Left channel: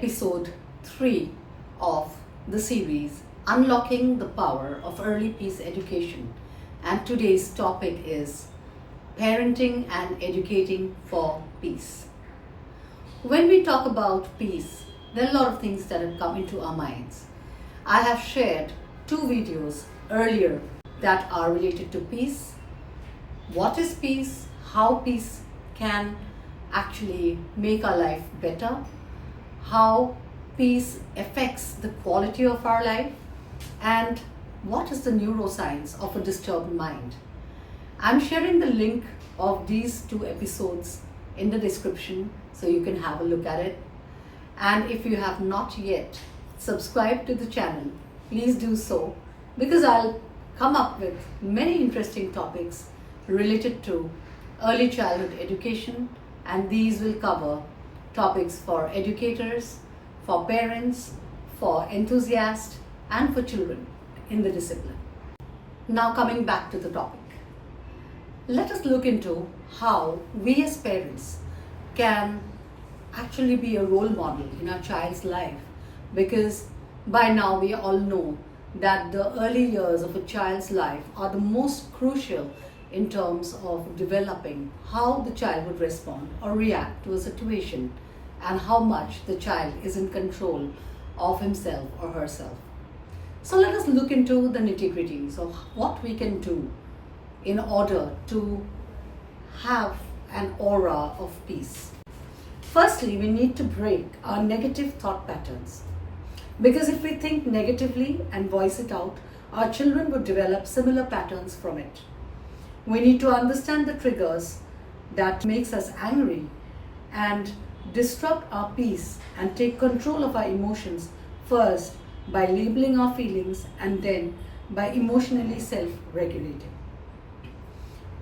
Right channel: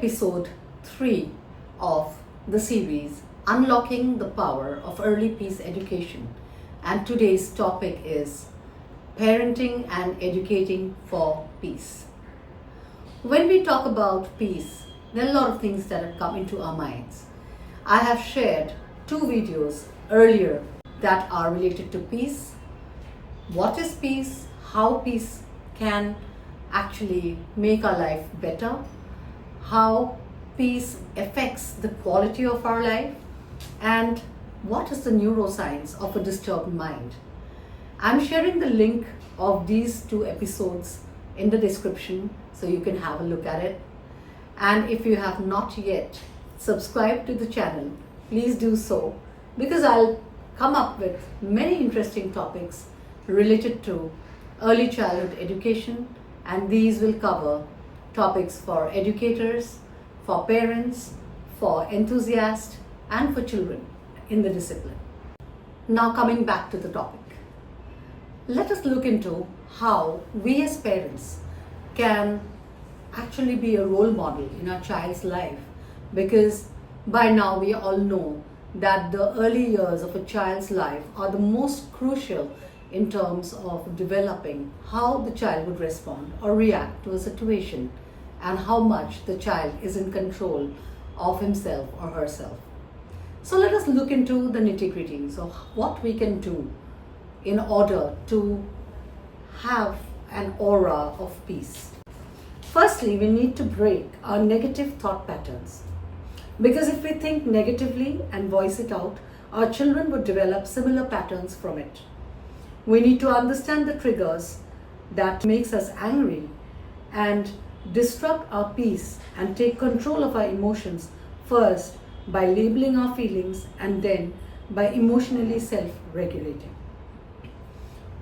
episode 3 of the series Unlocking the Power of Early Peace Education, and today's topic is Parenting and Educating for Peace. When we talk about peace, there are a lot of things that have come into our minds. I have shared 2 videos earlier that are related to peace. What is peace? How peace can actually make our life better? How peace affects the quality of our life? And what is the neuroscience of a disturbed mind? I'm sharing the link of these 2 episodes in the description so you can have a look at it. And if you have not yet subscribed to the channel, please do so, because I'll come up with many interesting topics related to early childhood education, and these will cover topics for educators, for parents, for enthusiasts, and for children in the discipline. Now coming back to the topic, let us look into how we as parents can actually be a role model in our child's life, because by now we all know that the early years of a child's life are the most crucial in terms of developing how the child would respond or react to a situation and how much the child is in control of himself or herself. So let us look into the nitty-gritties of what we can do in order to have an aura of peace. Firstly, we need to break our negative thought patterns, because if we think negatively and voice it out, our children would develop similar patterns from it. We need to understand the triggers that makes us angry and disrupt our peace and take control of our emotions, first by labeling our feelings and then by emotionally self-regulating.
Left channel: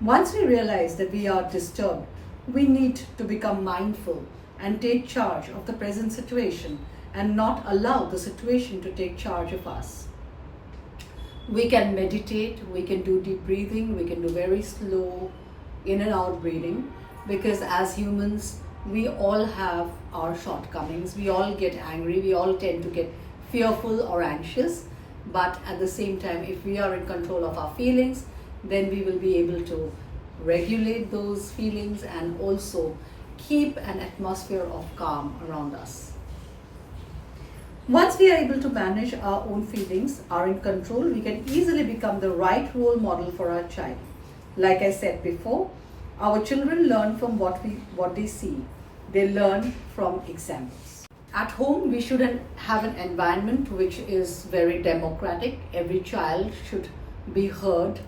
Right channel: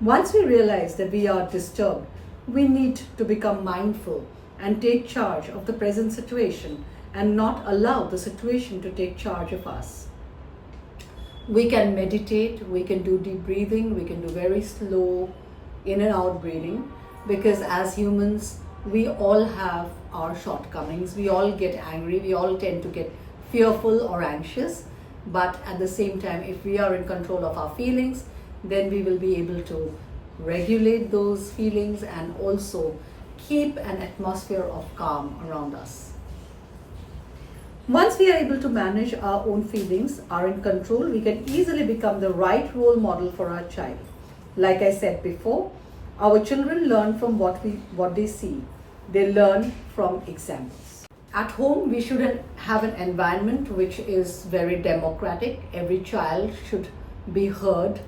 Once we realize that we are disturbed, we need to become mindful and take charge of the present situation and not allow the situation to take charge of us. We can meditate, we can do deep breathing, we can do very slow in and out breathing, because as humans, we all have our shortcomings. We all get angry, we all tend to get fearful or anxious, but at the same time, if we are in control of our feelings, then we will be able to regulate those feelings and also keep an atmosphere of calm around us. Once we are able to manage our own feelings, are in control, we can easily become the right role model for our child. Like I said before, our children learn from what they see. They learn from examples. At home, we should have an environment which is very democratic. Every child should be heard.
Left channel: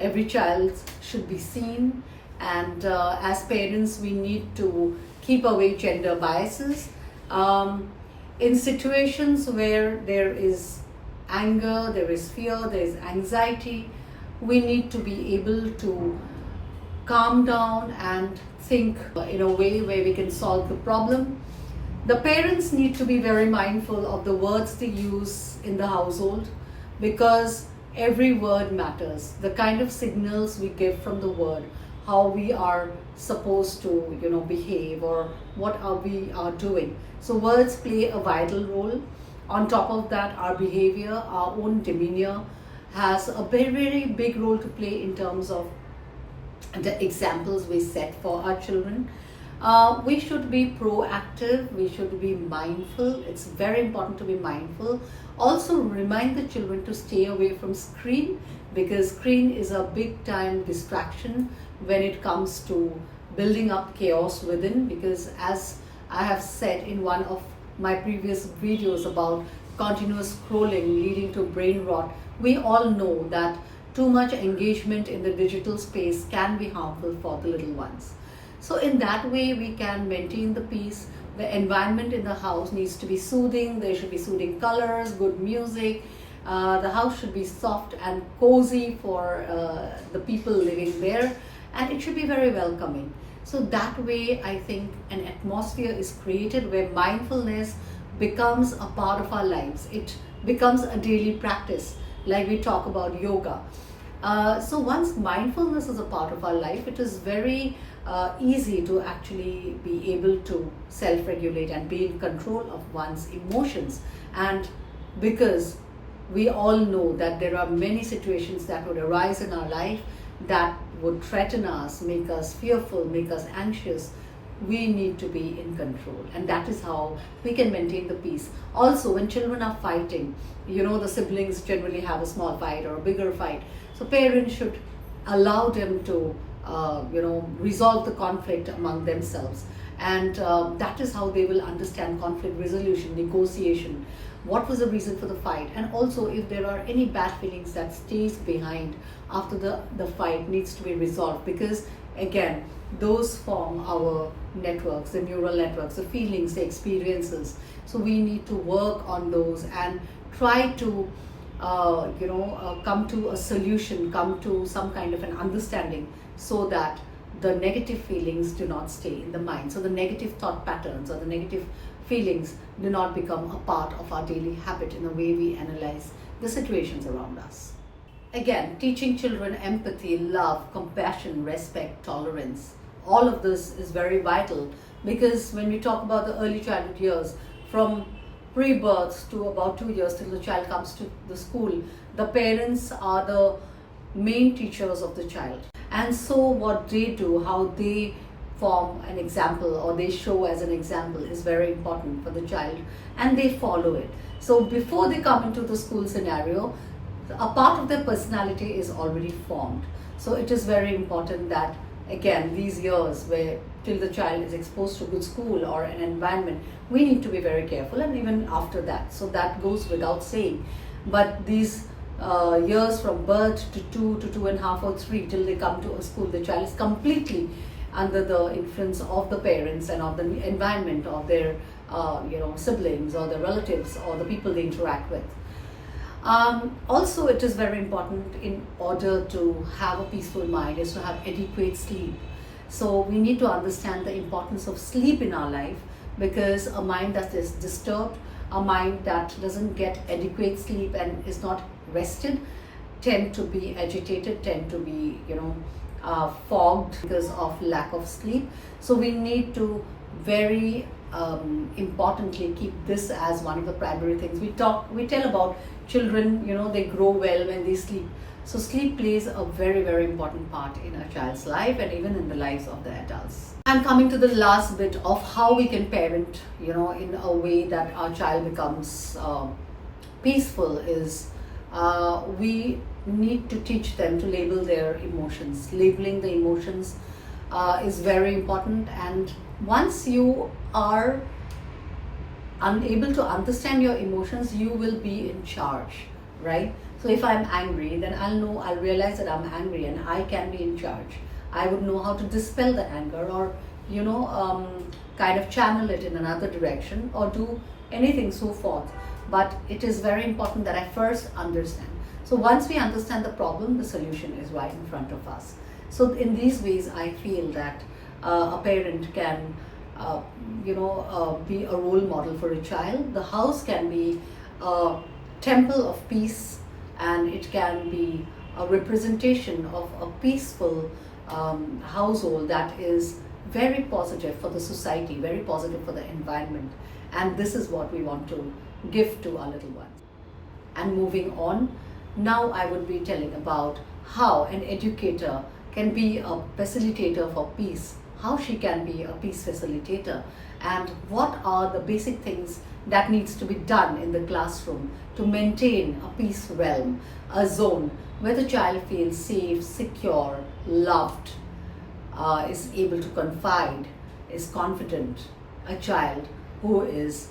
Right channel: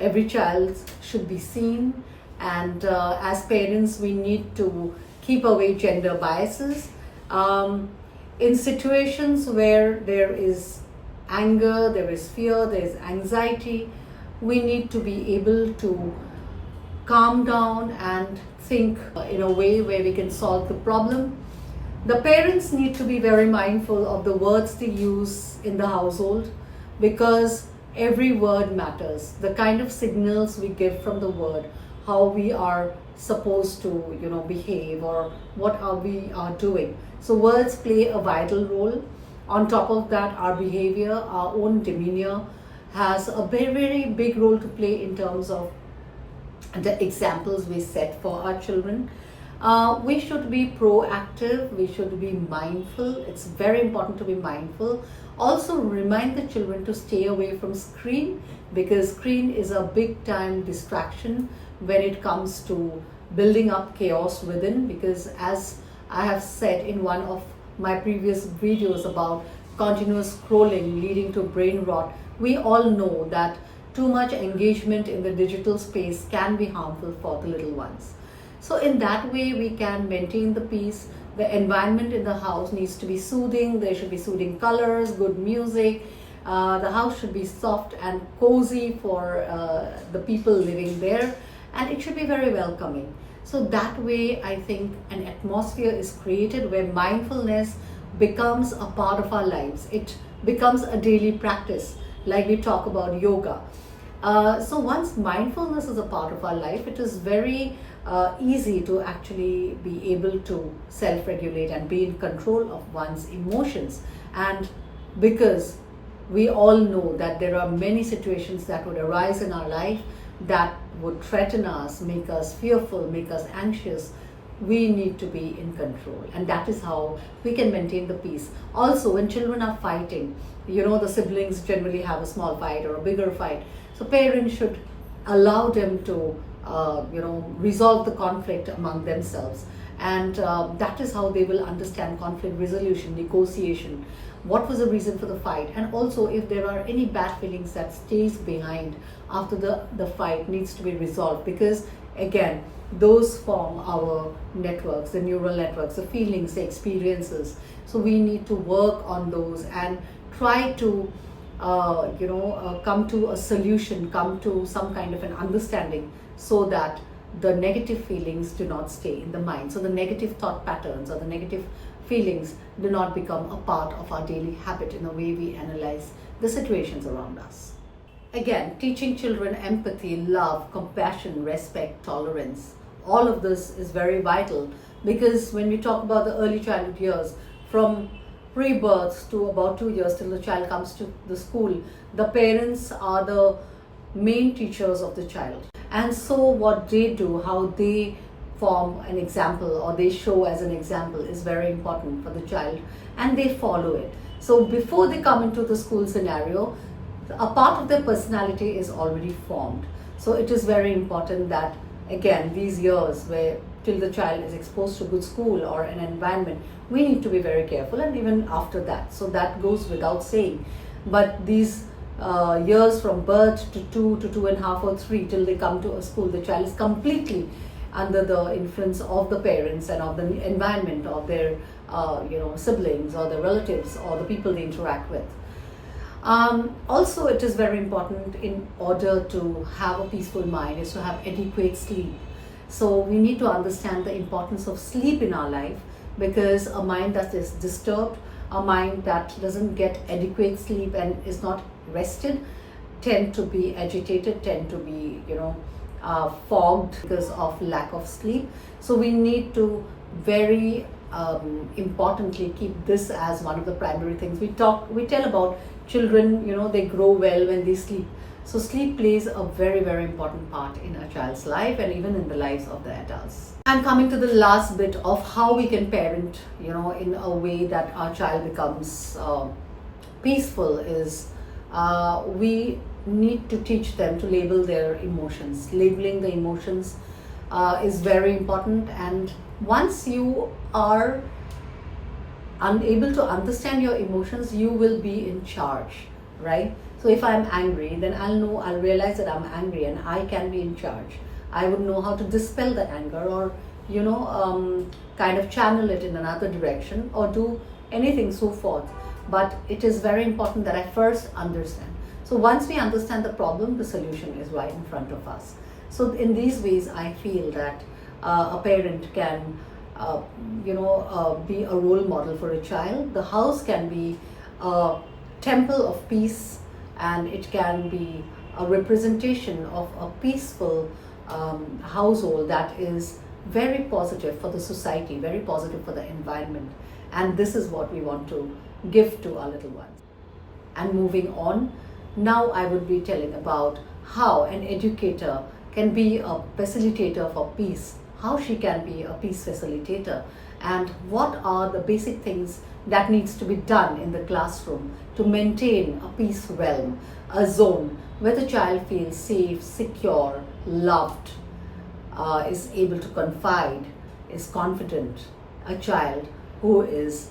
Every child should be seen. And as parents, we need to keep away gender biases. In situations where there is anger, there is fear, there is anxiety, we need to be able to calm down and think in a way where we can solve the problem. The parents need to be very mindful of the words they use in the household, because every word matters. The kind of signals we give from the word, how we are supposed to behave, or what we are doing. So words play a vital role. On top of that, our behavior, our own demeanor has a very, very big role to play in terms of the examples we set for our children. We should be proactive, we should be mindful. It's very important to be mindful. Also remind the children to stay away from screen, because screen is a big time distraction when it comes to building up chaos within, because as I have said in one of my previous videos about continuous scrolling leading to brain rot, we all know that too much engagement in the digital space can be harmful for the little ones. So in that way, we can maintain the peace. The environment in the house needs to be soothing. There should be soothing colors, good music. The house should be soft and cozy for the people living there, and it should be very welcoming. So that way, I think an atmosphere is created where mindfulness becomes a part of our lives. It becomes a daily practice, like we talk about yoga. So once mindfulness is a part of our life, it is very easy to actually be able to self-regulate and be in control of one's emotions. And because we all know that there are many situations that would arise in our life that would threaten us, make us fearful, make us anxious, we need to be in control, and that is how we can maintain the peace. Also, when children are fighting, the siblings generally have a small fight or a bigger fight, so parents should allow them to resolve the conflict among themselves, and that is how they will understand conflict resolution, negotiation, what was the reason for the fight, and also if there are any bad feelings that stays behind after the fight needs to be resolved, because again, those form our networks, the neural networks, the feelings, the experiences. So we need to work on those and try to come to a solution, come to some kind of an understanding, so that the negative feelings do not stay in the mind. So the negative thought patterns or the negative feelings do not become a part of our daily habit in a way we analyze the situations around us. Again, teaching children empathy, love, compassion, respect, tolerance, all of this is very vital, because when we talk about the early childhood years, from pre-birth to about 2 years till the child comes to the school, the parents are the main teachers of the child. And so what they do, how they form an example or they show as an example, is very important for the child, and they follow it. So before they come into the school scenario, a part of their personality is already formed. So it is very important that, again, these years where till the child is exposed to good school or an environment, we need to be very careful, and even after that. So that goes without saying. But these years from birth to 2 to 2.5 or 3 till they come to a school, the child is completely under the influence of the parents and of the environment of their siblings or their relatives or the people they interact with. Also, it is very important, in order to have a peaceful mind, is to have adequate sleep. So we need to understand the importance of sleep in our life, because a mind that is disturbed, a mind that doesn't get adequate sleep and is not rested, tend to be agitated, tend to be fogged because of lack of sleep. So we need to very importantly keep this as one of the primary things. We tell about children, they grow well when they sleep. So sleep plays a very, very important part in a child's life and even in the lives of the adults. And coming to the last bit of how we can parent, in a way that our child becomes peaceful, is we need to teach them to label their emotions. Labeling the emotions is very important, and once you are unable to understand your emotions, you will be in charge, right? So if I'm angry, then I'll realize that I'm angry and I can be in charge. I would know how to dispel the anger, or kind of channel it in another direction, or do anything so forth. But it is very important that I first understand. So once we understand the problem, the solution is right in front of us. So in these ways, I feel that a parent can be a role model for a child. The house can be a temple of peace, and it can be a representation of a peaceful household that is very positive for the society, very positive for the environment. And this is what we want to give to our little ones. And moving on, now I would be telling about how an educator can be a facilitator for peace, how she can be a peace facilitator, and what are the basic things that needs to be done in the classroom to maintain a peace realm, a zone where the child feels safe, secure, loved, is able to confide, is confident, a child who is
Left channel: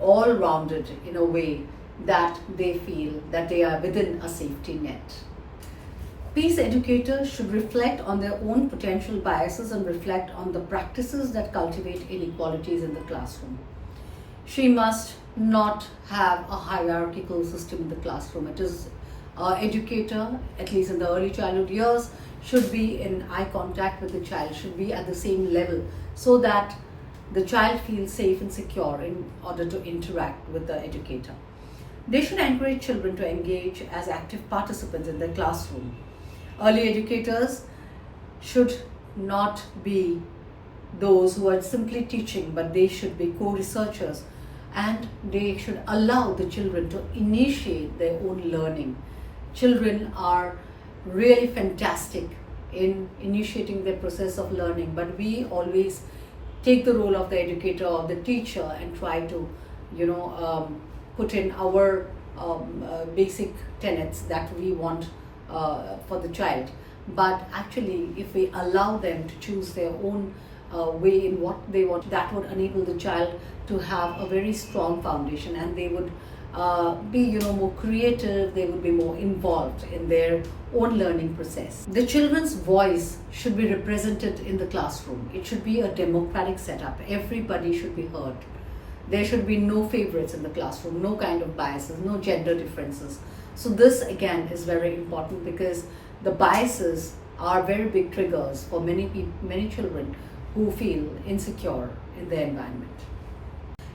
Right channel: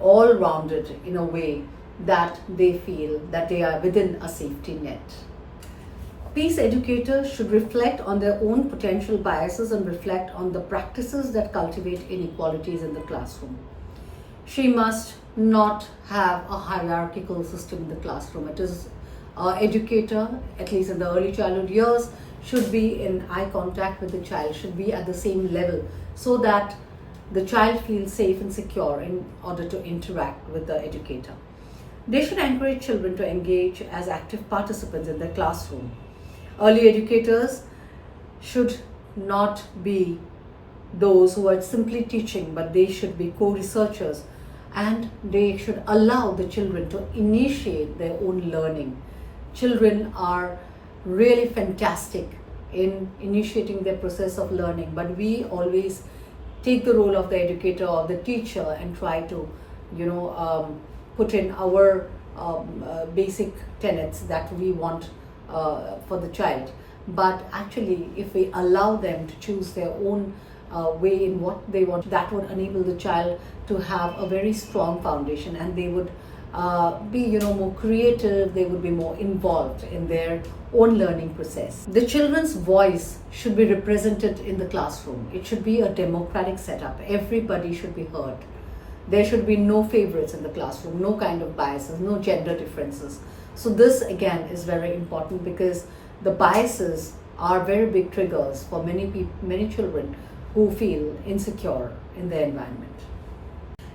all-rounded in a way that they feel that they are within a safety net. Peace educators should reflect on their own potential biases and reflect on the practices that cultivate inequalities in the classroom. She must not have a hierarchical system in the classroom. It is an educator, at least in the early childhood years, should be in eye contact with the child, should be at the same level, so that the child feels safe and secure in order to interact with the educator. They should encourage children to engage as active participants in the classroom. Early educators should not be those who are simply teaching, but they should be co-researchers, and they should allow the children to initiate their own learning. Children are really fantastic in initiating their process of learning, but we always take the role of the educator or the teacher and try to, put in our basic tenets that we want for the child. But actually, if we allow them to choose their own way in what they want, that would enable the child to have a very strong foundation, and they would be more creative, they would be more involved in their own learning process. The children's voice should be represented in the classroom. It should be a democratic setup. Everybody should be heard. There should be no favorites in the classroom, no kind of biases, no gender differences. So this again is very important, because the biases are very big triggers for many children who feel insecure in their environment.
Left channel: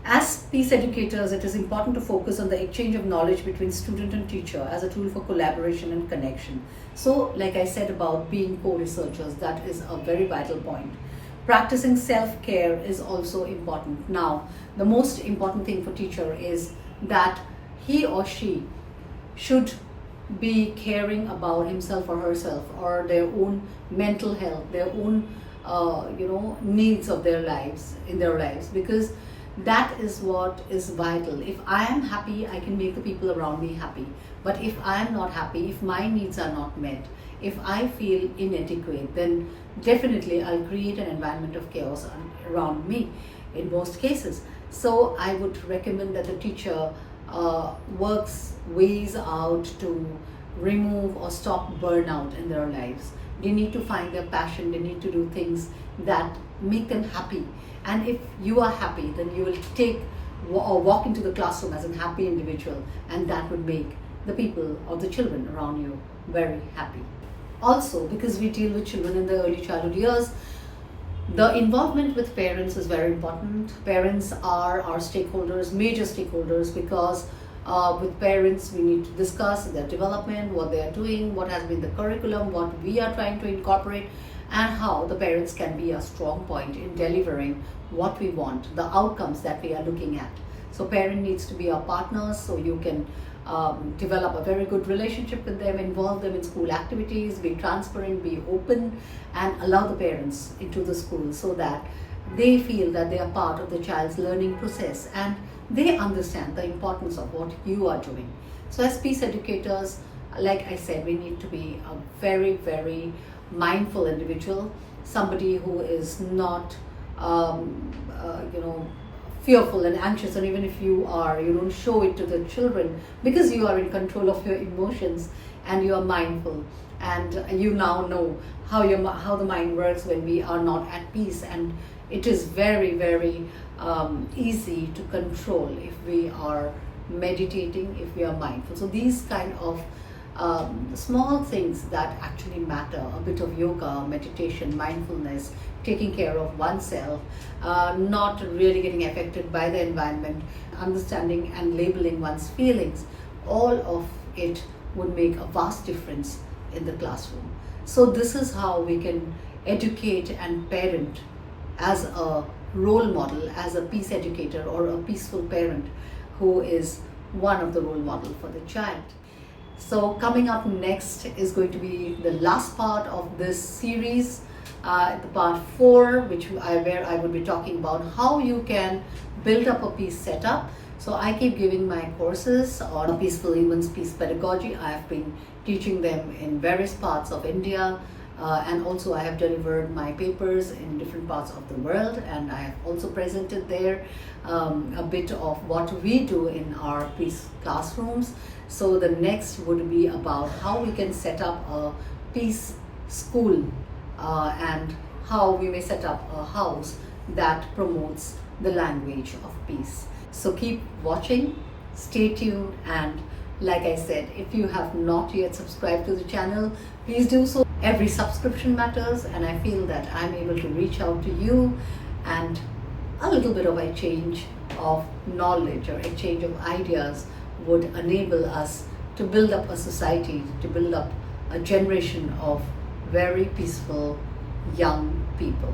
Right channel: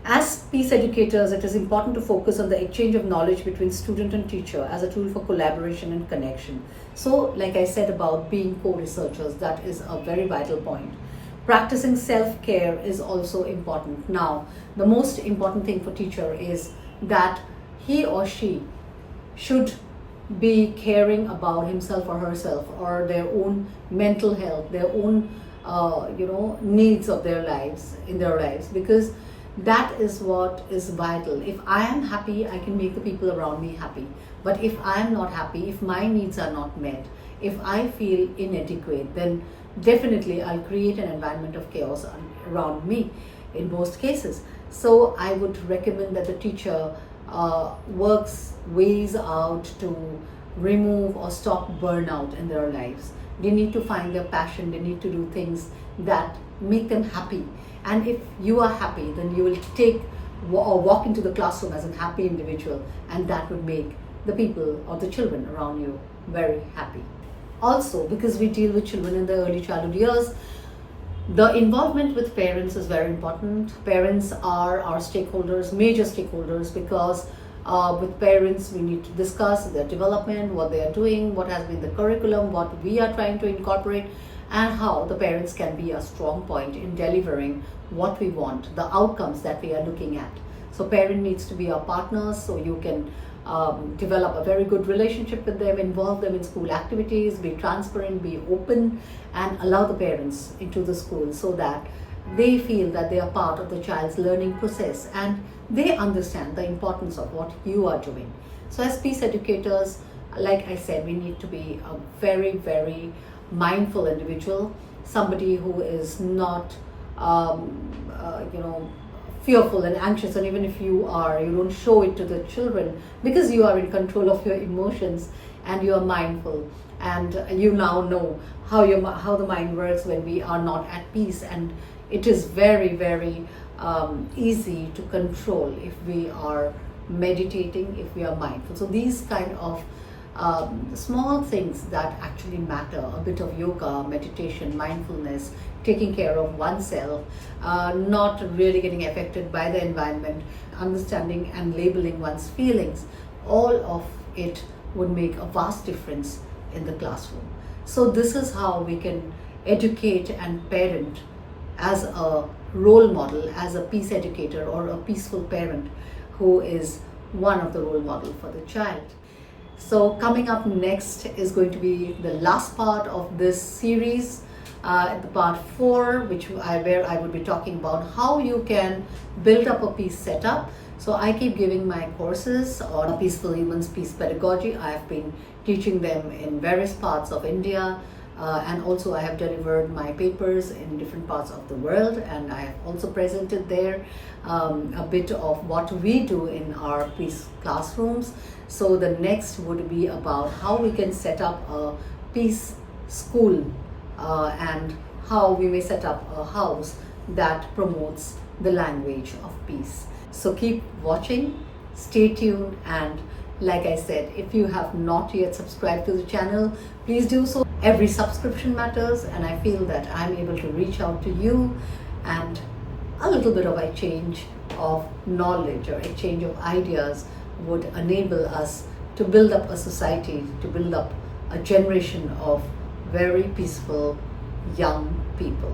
As peace educators, it is important to focus on the exchange of knowledge between student and teacher as a tool for collaboration and connection. So, like I said about being co-researchers, that is a very vital point. Practicing self-care is also important. Now, the most important thing for teacher is that he or she should be caring about himself or herself, or their own mental health, their own needs of their lives, because that is what is vital. If I am happy, I can make the people around me happy. But if I am not happy, if my needs are not met, if I feel inadequate, then definitely I'll create an environment of chaos around me in most cases. So I would recommend that the teacher works ways out to remove or stop burnout in their lives. They need to find their passion. They need to do things that make them happy. And if you are happy, then you will take or walk into the classroom as a happy individual, and that would make the people or the children around you very happy. Also, because we deal with children in the early childhood years, the involvement with parents is very important. Parents are our stakeholders, major stakeholders, because with parents we need to discuss their development, what they are doing, what has been the curriculum, what we are trying to incorporate, and how the parents can be a strong point in delivering what we want, the outcomes that we are looking at. So parent needs to be our partners, so you can develop a very good relationship with them, involve them in school activities, be transparent, be open, and allow the parents into the school so that they feel that they are part of the child's learning process and they understand the importance of what you are doing. So as peace educators, like I said, we need to be a very, very mindful individual, somebody who is not fearful and anxious, and even if you are, you don't show it to the children, because you are in control of your emotions and you are mindful, and you now know how the mind works when we are not at peace, and it is very, very easy to control if we are meditating, if we are mindful. So these kind of small things that actually matter, a bit of yoga, meditation, mindfulness, taking care of oneself, not really getting affected by the environment, understanding and labeling one's feelings, all of it would make a vast difference in the classroom. So this is how we can educate and parent as a role model, as a peace educator or a peaceful parent who is one of the role model for the child. So coming up next is going to be the last part of this series, the part 4, where I would be talking about how you can build up a peace setup. So I keep giving my courses on peaceful humans, peace pedagogy. I have been teaching them in various parts of India, and also I have delivered my papers in different parts of the world, and I have also presented there a bit of what we do in our peace classrooms. So the next would be about how we can set up a peace school, and how we may set up a house that promotes the language of peace. So keep watching, stay tuned, and like I said, if you have not yet subscribed to the channel, please do so. Every subscription matters, and I feel that I'm able to reach out to you, and a little bit of exchange of knowledge or exchange of ideas would enable us to build up a society, to build up a generation of very peaceful young people.